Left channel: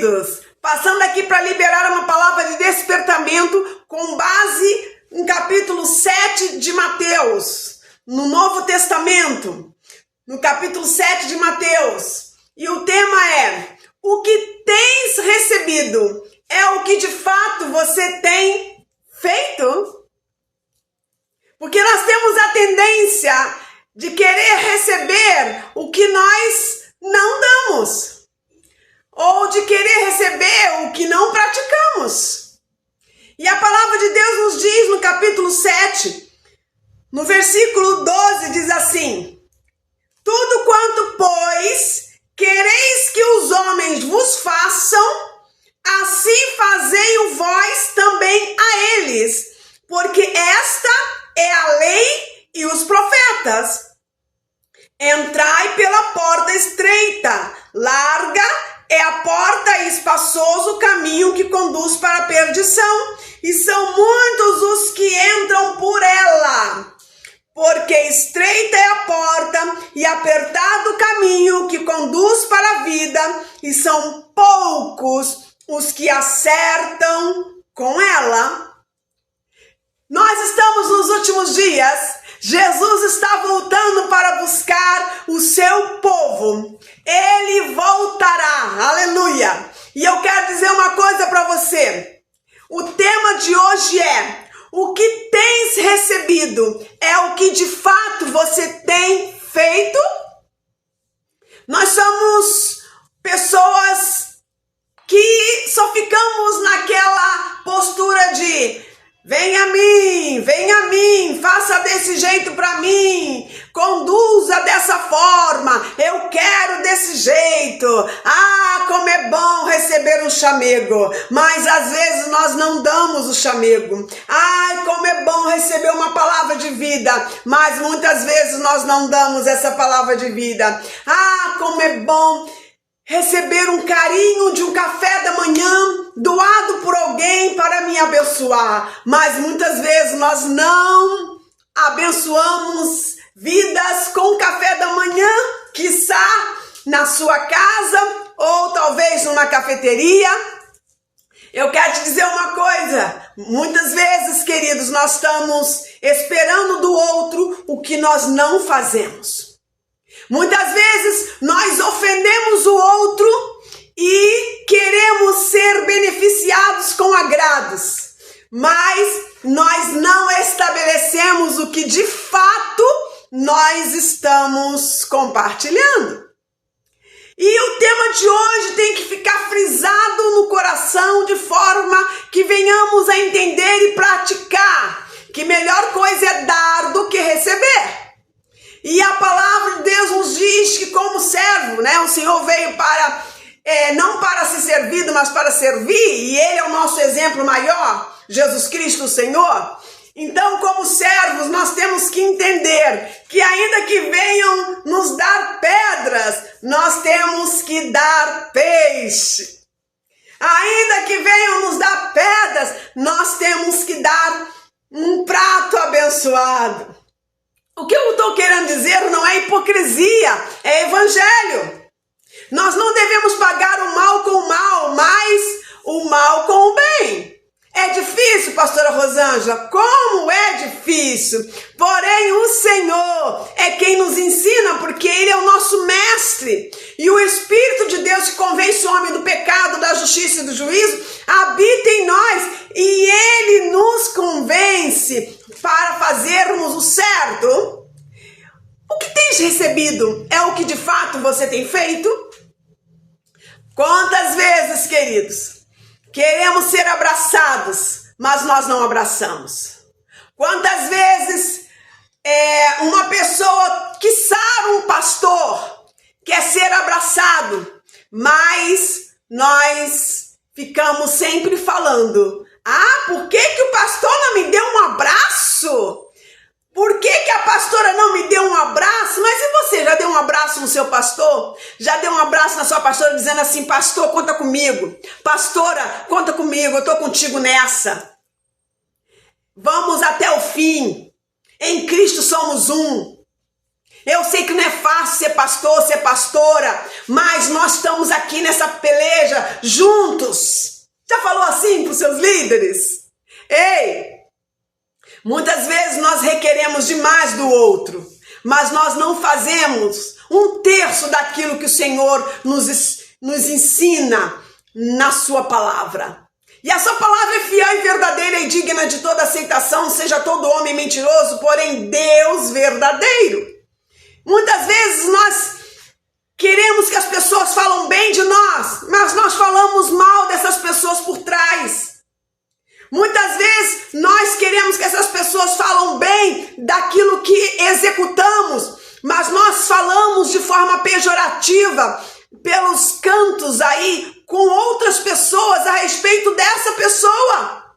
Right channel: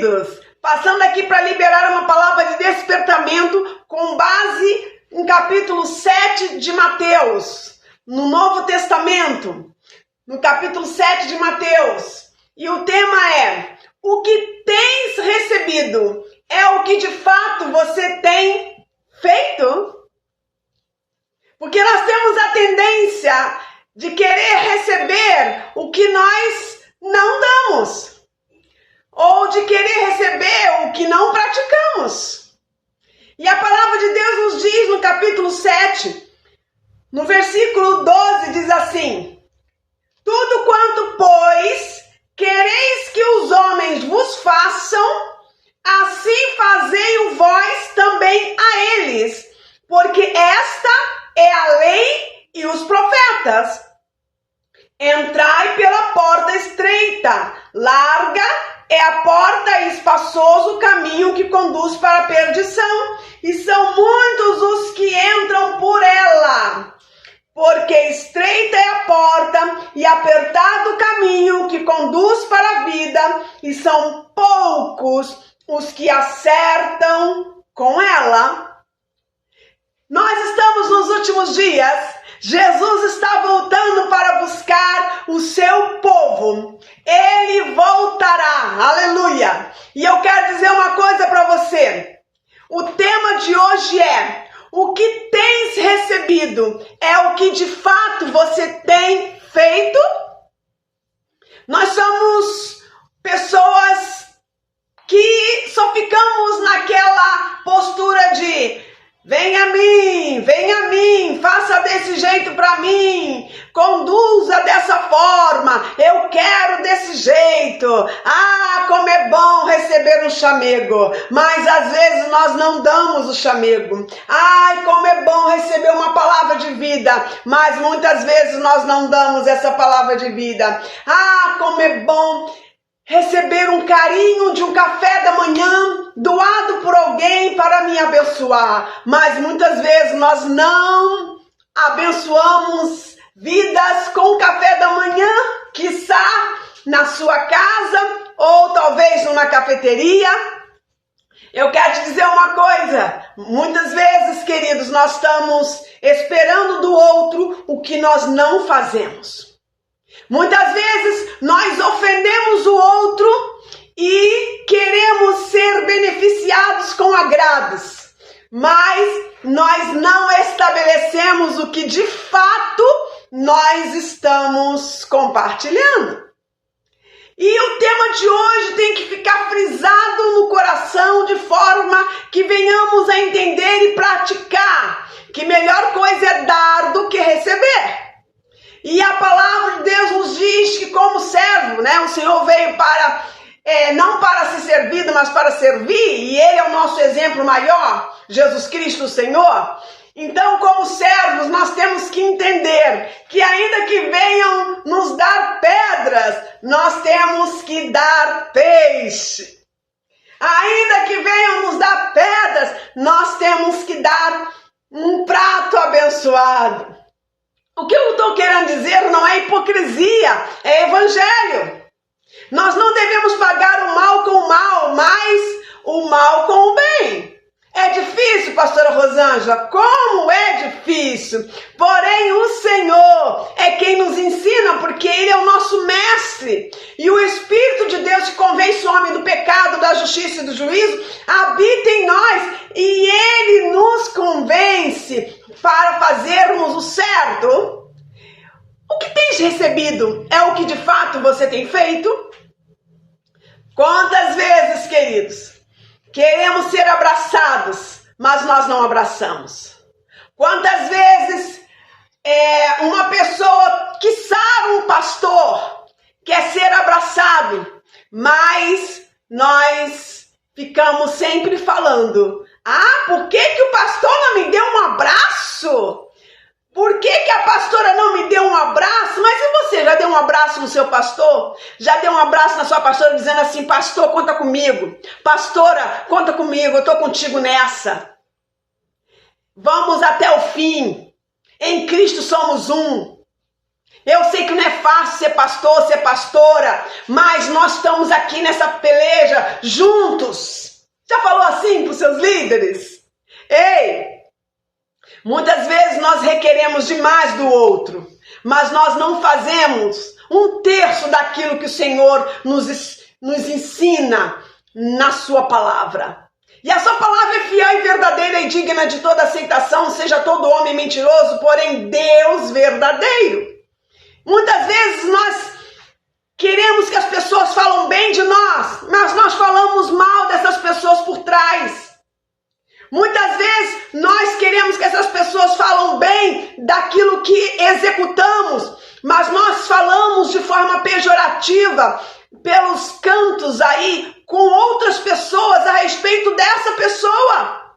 queridos, passando aqui para liberar uma palavra de despertamento com base em capítulo 7 de Mateus, no Novo Testamento, no capítulo 7 de Mateus. E o tema é: o que tens recebido é o que de fato você tem feito? Porque nós temos a tendência de querer receber o que nós não damos, ou de querer receber o que não praticamos. E a palavra de Deus nos diz no capítulo 7, no versículo 12, diz assim: tudo quanto, pois, quereis que os homens vos façam, assim fazei-o vós também a eles, porque esta é a lei e os profetas. Entrai pela porta estreita, larga é a porta e espaçoso o caminho que conduz para a perdição, e são muitos os que entram por ela. Porque estreita é a porta e apertado o caminho que conduz para a vida, e são poucos os que acertam com ela. Nós estamos nos últimos dias. Jesus está voltando para buscar o seu povo. Ele voltará, aleluia. E eu quero dizer uma coisa para você. O tema de hoje é: o que tens recebido é o que de fato você tem feito? Nós somos pessoas que só ficamos naquela postura de vem a mim, faça desse jeito para mim, conduza dessa forma, eu quero desse jeito. Ah, como é bom receber um chamego, mas às vezes nós não damos o chamego. Ai, como é bom receber uma palavra de vida, mas muitas vezes nós não damos essa palavra de vida. Ah, como é bom receber um carinho de um café da manhã doado por alguém para me abençoar, mas muitas vezes nós não abençoamos vidas com café da manhã, quiçá na sua casa ou talvez numa cafeteria. Eu quero te dizer uma coisa: muitas vezes, queridos, nós estamos esperando do outro o que nós não fazemos. Muitas vezes nós ofendemos o outro e queremos ser beneficiados com agrados, mas nós não estabelecemos o que de fato nós estamos compartilhando. E o tema de hoje tem que ficar frisado no coração de forma que venhamos a entender e praticar que melhor coisa é dar do que receber. E a palavra de Deus nos diz que como servo, o Senhor veio para, não para ser servido, mas para servir, e Ele é o nosso exemplo maior, Jesus Cristo o Senhor. Então, como servos, nós temos que entender que ainda que venham nos dar pedras, nós temos que dar peixe. Ainda que venham nos dar pedras, nós temos que dar um prato abençoado. O que eu estou querendo dizer não é hipocrisia, é evangelho. Nós não devemos pagar o mal com o mal, mas o mal com o bem. É difícil, pastora Rosângela? Como é difícil? Porém, o Senhor é quem nos ensina, porque Ele é o nosso mestre. E o Espírito de Deus que convence o homem do pecado, da justiça e do juízo, habita em nós. E Ele nos convence para fazermos o certo. O que tens recebido é o que de fato você tem feito? Quantas vezes, queridos, queremos ser abraçados, mas nós não abraçamos? Quantas vezes uma pessoa, quiçá um pastor, quer ser abraçado, mas nós ficamos sempre falando: ah, por que o pastor não me deu um abraço? Por que a pastora não me deu um abraço? Mas e você, já deu um abraço no seu pastor? Já deu um abraço na sua pastora dizendo assim: pastor, conta comigo. Pastora, conta comigo, eu estou contigo nessa. Vamos até o fim. Em Cristo somos um. Eu sei que não é fácil ser pastor, ser pastora, mas nós estamos aqui nessa peleja juntos. Já falou assim para os seus líderes? Ei, muitas vezes nós requeremos demais do outro, mas nós não fazemos 1/3 daquilo que o Senhor nos ensina na sua palavra. E a sua palavra é fiel e verdadeira e digna de toda aceitação, seja todo homem mentiroso, porém Deus verdadeiro. Muitas vezes nós queremos que as pessoas falem bem de nós, mas nós falamos mal dessas pessoas por trás. Muitas vezes nós queremos que essas pessoas falem bem daquilo que executamos, mas nós falamos de forma pejorativa pelos cantos aí com outras pessoas a respeito dessa pessoa.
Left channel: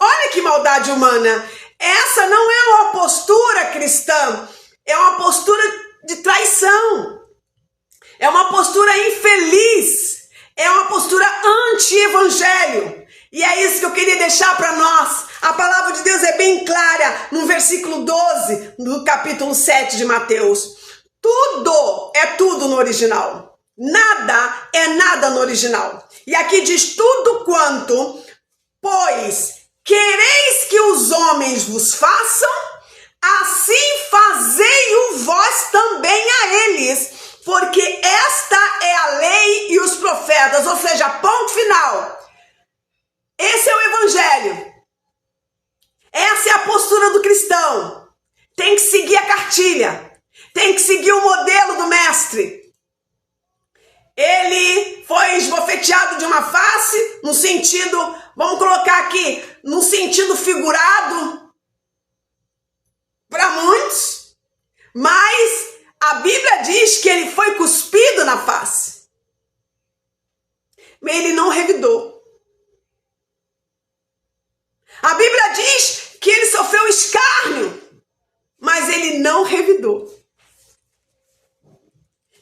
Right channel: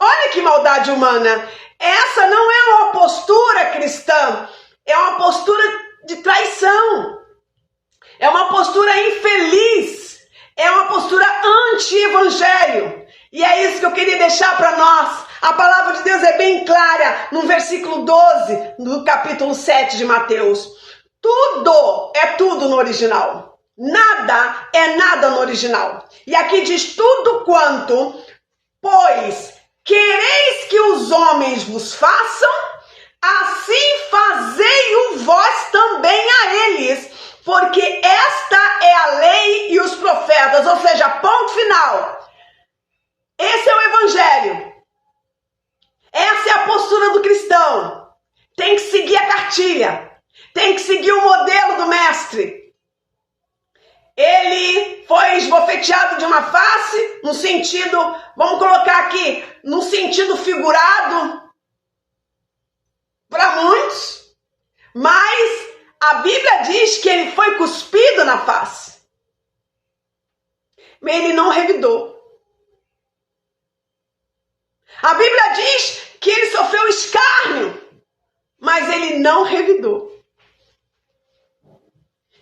Olha que maldade humana. Essa não é uma postura cristã, é uma postura de traição. É uma postura infeliz, é uma postura anti-evangelho. E é isso que eu queria deixar para nós. A palavra de Deus é bem clara no versículo 12 do capítulo 7 de Mateus. Tudo é tudo no original. Nada é nada no original. E aqui diz tudo quanto, pois quereis que os homens vos façam, assim fazei-o vós também a eles, porque esta é a lei e os profetas, ou seja, ponto final. Esse é o evangelho. Essa é a postura do cristão. Tem que seguir a cartilha. Tem que seguir o modelo do mestre. Ele foi esbofeteado de uma face, no sentido, vamos colocar aqui, no sentido figurado, para muitos, mas a Bíblia diz que ele foi cuspido na face. Mas ele não revidou. A Bíblia diz que ele sofreu escárnio, mas ele não revidou.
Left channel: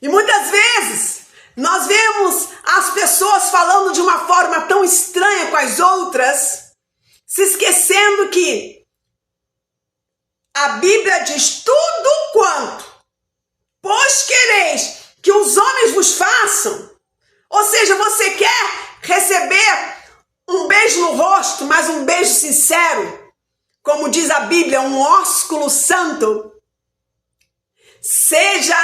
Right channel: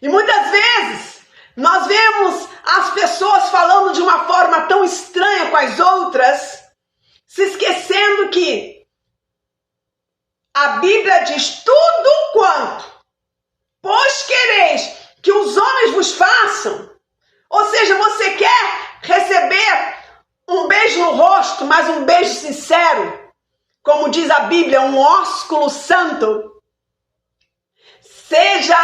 E muitas vezes nós vemos as pessoas falando de uma forma tão estranha com as outras, se esquecendo que a Bíblia diz tudo quanto, pois quereis que os homens vos façam. Ou seja, você quer receber um beijo no rosto, mas um beijo sincero, como diz a Bíblia, um ósculo santo. Seja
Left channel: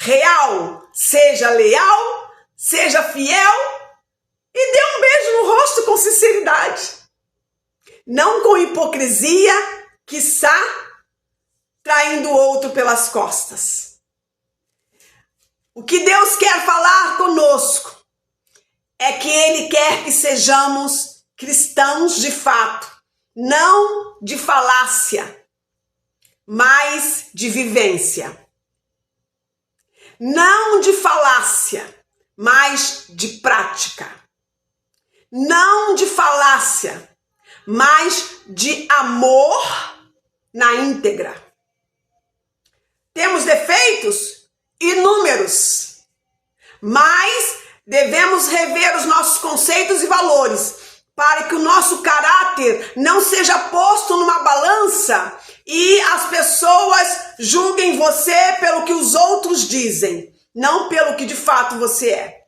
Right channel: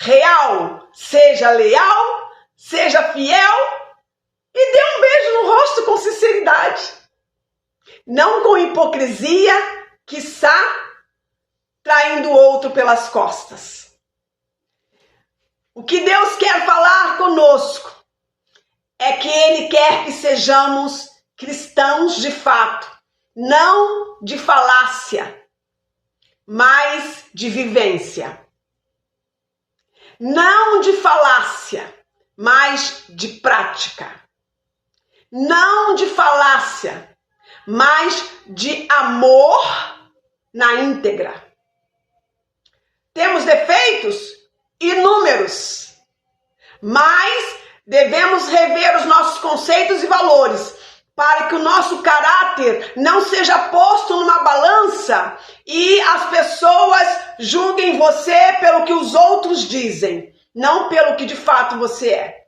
real, seja leal, seja fiel e dê um beijo no rosto com sinceridade. Não com hipocrisia, quiçá traindo o outro pelas costas. O que Deus quer falar conosco é que Ele quer que sejamos cristãos de fato, não de falácia, mas de vivência. Não de falácia, mas de prática. Não de falácia, mas de amor na íntegra. Temos defeitos? Inúmeros. Mas devemos rever os nossos conceitos e valores para que o nosso caráter não seja posto numa balança e as pessoas julguem você pelo que os outros dizem, não pelo que de fato você é.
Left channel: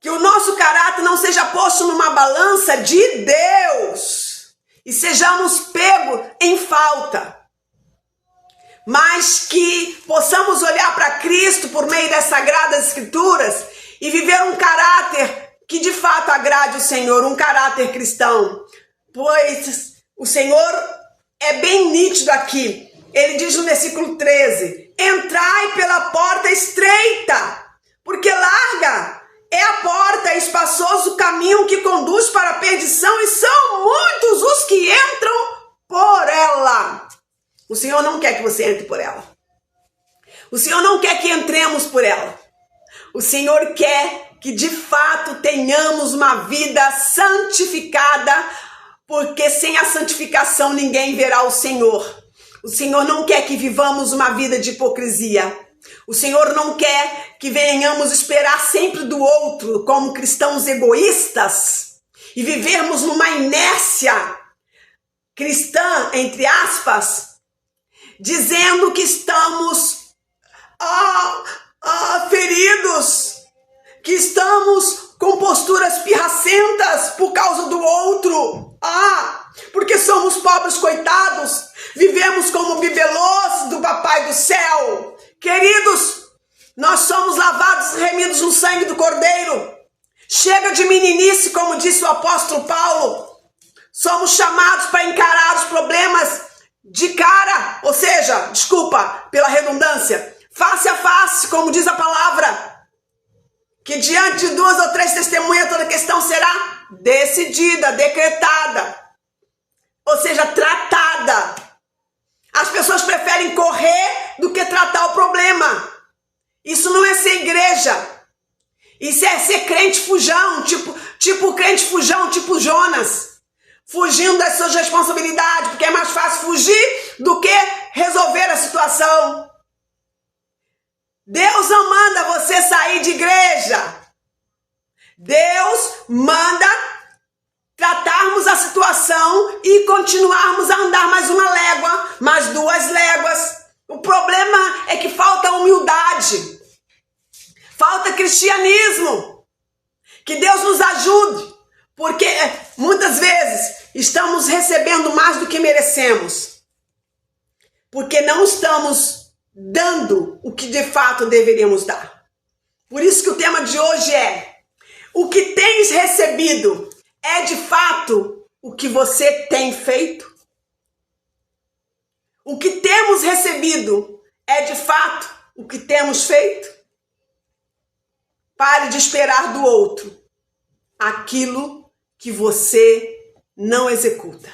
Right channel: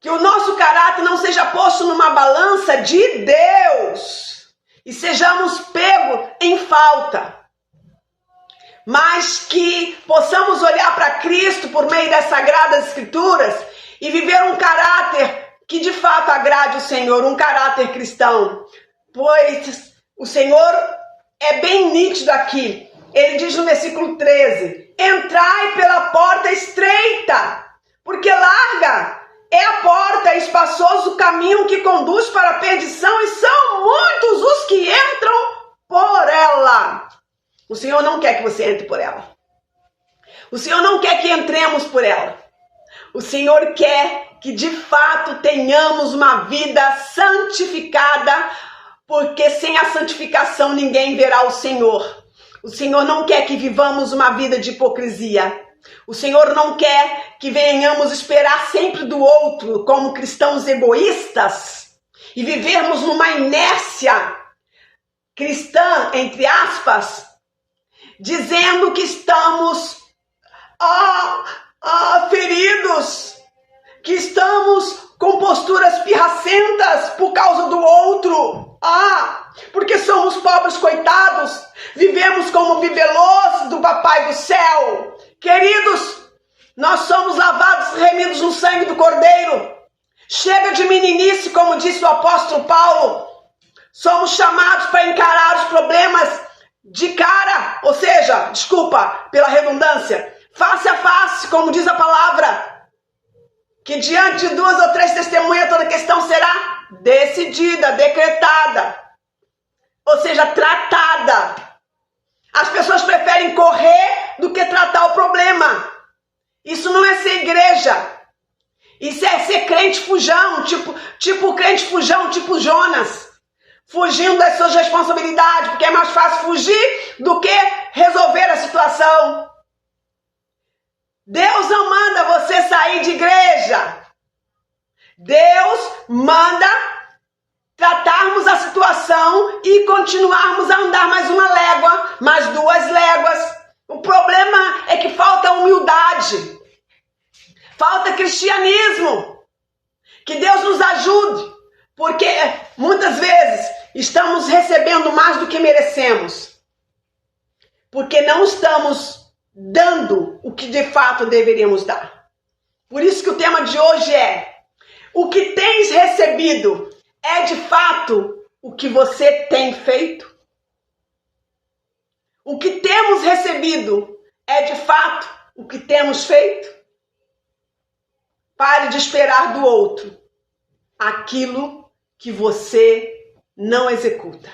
Que o nosso caráter não seja posto numa balança de Deus e sejamos pegos em falta, mas que possamos olhar para Cristo por meio das Sagradas Escrituras e viver um caráter que de fato agrade o Senhor, um caráter cristão. Pois o Senhor é bem nítido aqui. Ele diz no versículo 13, entrai pela porta estreita, porque larga é a porta, espaçoso o caminho que conduz para a perdição, e são muitos os que entram por ela. O Senhor não quer que você entre por ela. O Senhor não quer que entremos por ela. O Senhor quer que de fato tenhamos uma vida santificada, porque sem a santificação ninguém verá o Senhor. O Senhor não quer que vivamos uma vida de hipocrisia. O Senhor não quer que venhamos esperar sempre do outro como cristãos egoístas e vivermos numa inércia cristã, entre aspas, dizendo que estamos feridos, que estamos com posturas pirracentas por causa do outro. Porque somos pobres coitados, vivemos como bibelôs do Papai do Céu. Queridos, nós somos lavados e remidos no sangue do Cordeiro. Chega de meninice, como disse o apóstolo Paulo. Somos chamados para encarar os problemas de cara, ou seja, desculpa pela redundância, face a face, como diz a palavra. Que diante de 2 ou 3 testemunhas toda questão será decidida, decretada, ou seja, tratada. As pessoas preferem correr do que tratar o problema. Isso não é ser igreja. Isso é ser crente fujão, tipo crente fujão, tipo Jonas. Fugindo das suas responsabilidades, porque é mais fácil fugir do que resolver a situação. Deus não manda você sair de igreja. Deus manda tratarmos a situação e continuarmos a andar mais uma légua, mais 2 léguas. O problema é que falta humildade, falta cristianismo. Que Deus nos ajude, porque muitas vezes estamos recebendo mais do que merecemos, porque não estamos dando o que de fato deveríamos dar. Por isso que o tema de hoje é: o que tens recebido é de fato o que você tem feito? O que temos recebido é de fato o que temos feito? Pare de esperar do outro aquilo que você não executa.